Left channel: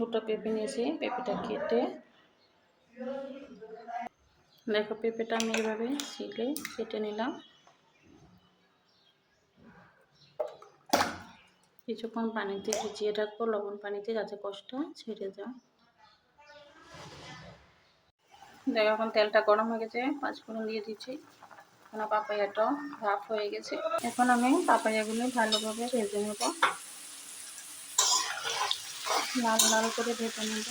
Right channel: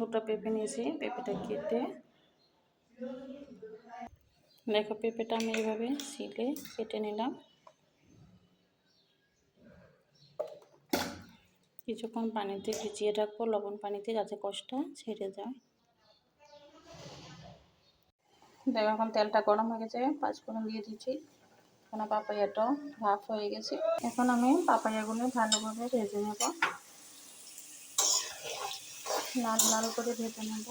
দুটো পেঁপে নিয়েছি, পেঁপেটা কেটে। দেখো পেঁপেটা আমি এভাবে শিলে কেটে নিলাম। কিছুক্ষণ পানিতে ভিজিয়ে রাখব, লবণ পানিতে যাতে কষ্ট ছেড়ে যায়। দেখো এখন তেলটা গরম হয়ে গেছে, পাঁচফোড়ন দিয়ে দিচ্ছি। এখন পাপাইয়াটাও ভাপ হয়ে গেছে। এখন আমি পাপাইয়াগুলো ভালোভাবে ভেজে নেব। লাল লাল করে ভেজে নেব।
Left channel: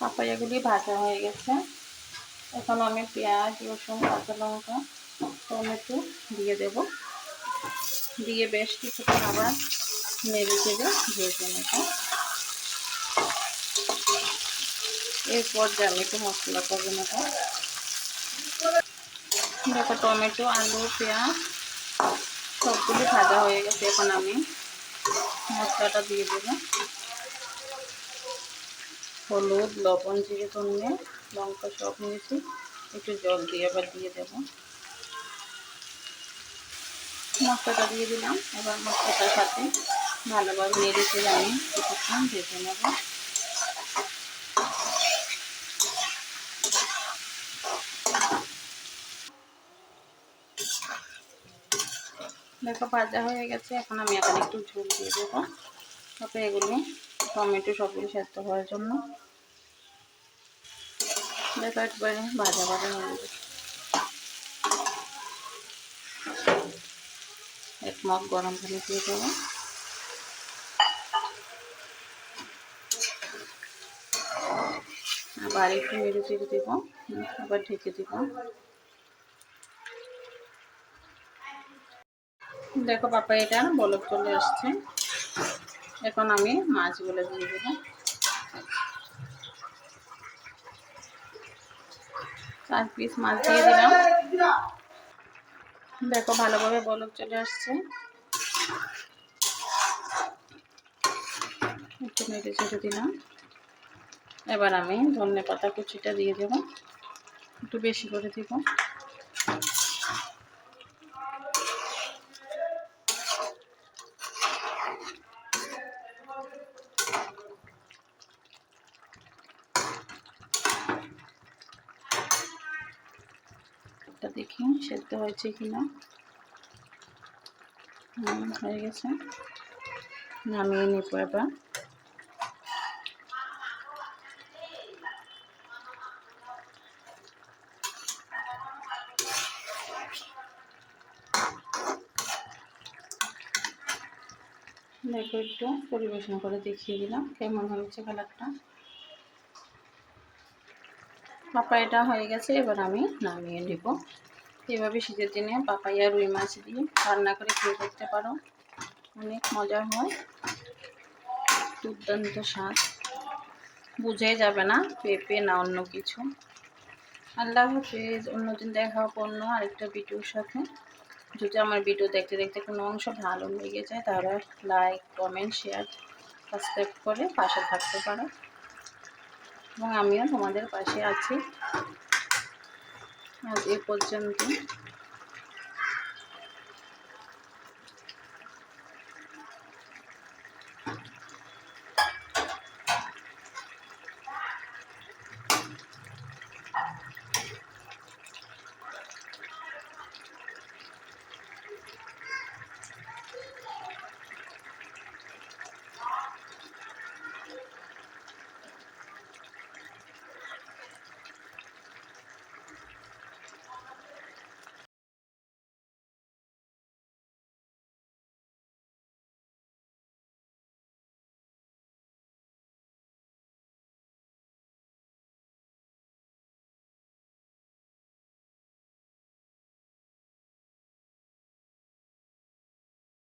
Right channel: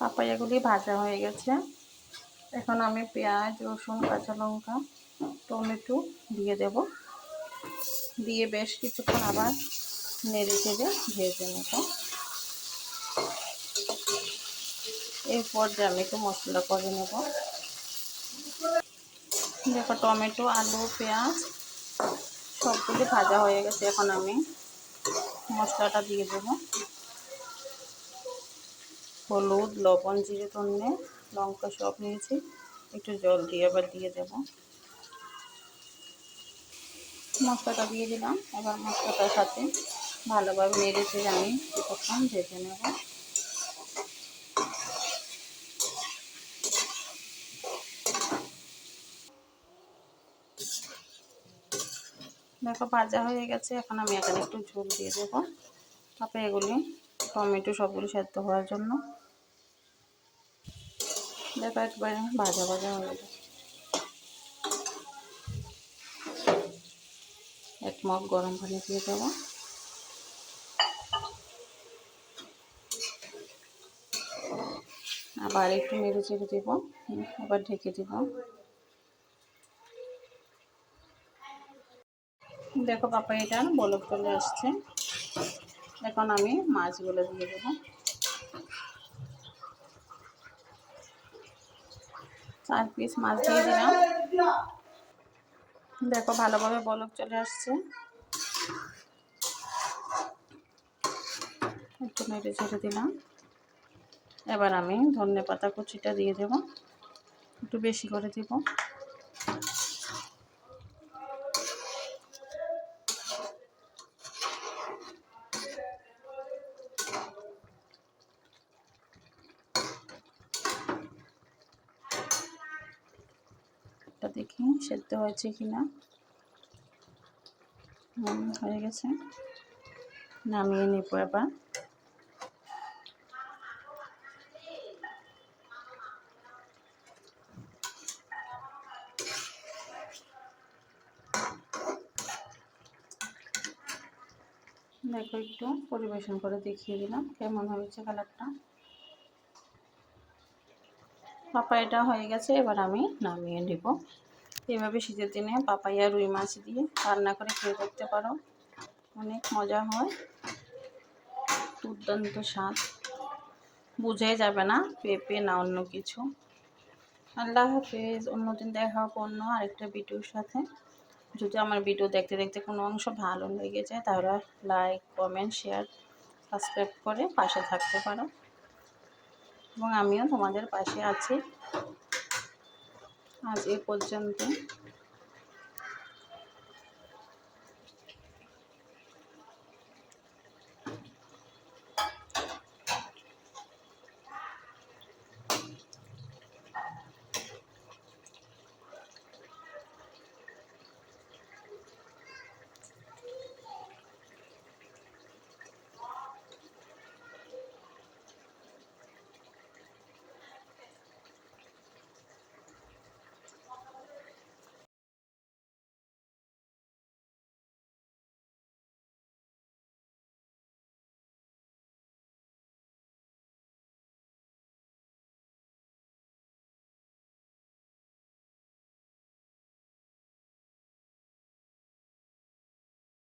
পাপাইয়াগুলি ভাজা হয়ে গেছে। এখন আমি পেঁয়াজ, রসুন, কাঁচা লঙ্কা, টমেটো দিয়ে দেব। দিয়ে বেশ কিছুক্ষণ আবার নেড়ে চেড়ে ভেজে নেব এরপর যে আমি একটু মশলা করে নেব। দেখো টমেটো, আলু, পেঁয়াজ, সবগুলি ভাজা হয়ে গেছে এখন আমি মশলাটা দিয়ে দেবো। হলুদ, লবণ, জিরে, ধনে, লঙ্কা সব নিয়েছি। একটু জল দিয়ে আবার দিয়ে দেব। মশলাটা দিয়ে দিলাম। এবার মশলাটার সাথে ভালোভাবে নেড়ে চেড়ে আমি কিছুক্ষণ ভেজে নেব। দেখো, ভাজা হয়ে গেছে। এখন আমি এখানে একটু ঝোল দিয়ে দেবো। তারপরে এগুলি, টমেটো সবগুলি সেদ্ধ হওয়ার জন্য। দেখো, একবারে ভাজা ভাজা হয়ে গেছে। এক মগ গরম পানি দিয়ে দেবো। আবার একটু নেড়ে চেড়ে দেবো। আবার ঢেকে দেবো। দেখো পাপা, এটা বলক চলে আসছে। এখন আমি মাছগুলো দিয়ে দেবো। চার পিস মাছ দিয়ে দিলাম। দেখো ভালোভাবে বলক চলে আসছে। একটু নেড়ে ছেড়ে দিলাম। এবার আমি ধনে পাতা কুচিটা দিয়ে দেব। একটু বেশি করে দেব। দেখি সেদ্ধ হয়েছে কিনা। হয়ে গেছে। নামিয়ে নিব এবার। দেখো একটু পরিবেশন করে দেখিয়ে দিলাম কেমন হয়েছে কালারটা। পাপাইটা হয়ে গেছে, এবার আমি নামিয়ে নেব। এভাবে শীতের দিনে পাপাইয়া রুই মাছ দিয়ে রান্না করে খেয়ে দেখতে পারো। অনেক মজা হয়। দুর্দান্ত স্বাদ। বুঝে যাবে না, পেঁপে না অন্য কিছু। আল্লাহ হাফেজ, অন্যদিন দেখা হোক অন্য আরেকটা ভিডিওর সাথে। যদি আমার ভিডিও দেখতে দেখতে কোনো অংশ ভালো লেগে যায়, তাহলে লাইক কমেন্ট শেয়ার সাবস্ক্রাইব করে পাশে থাকতে পারো। এবং আমিও তোমাদের পাশে আছি। আজ এ পর্যন্ত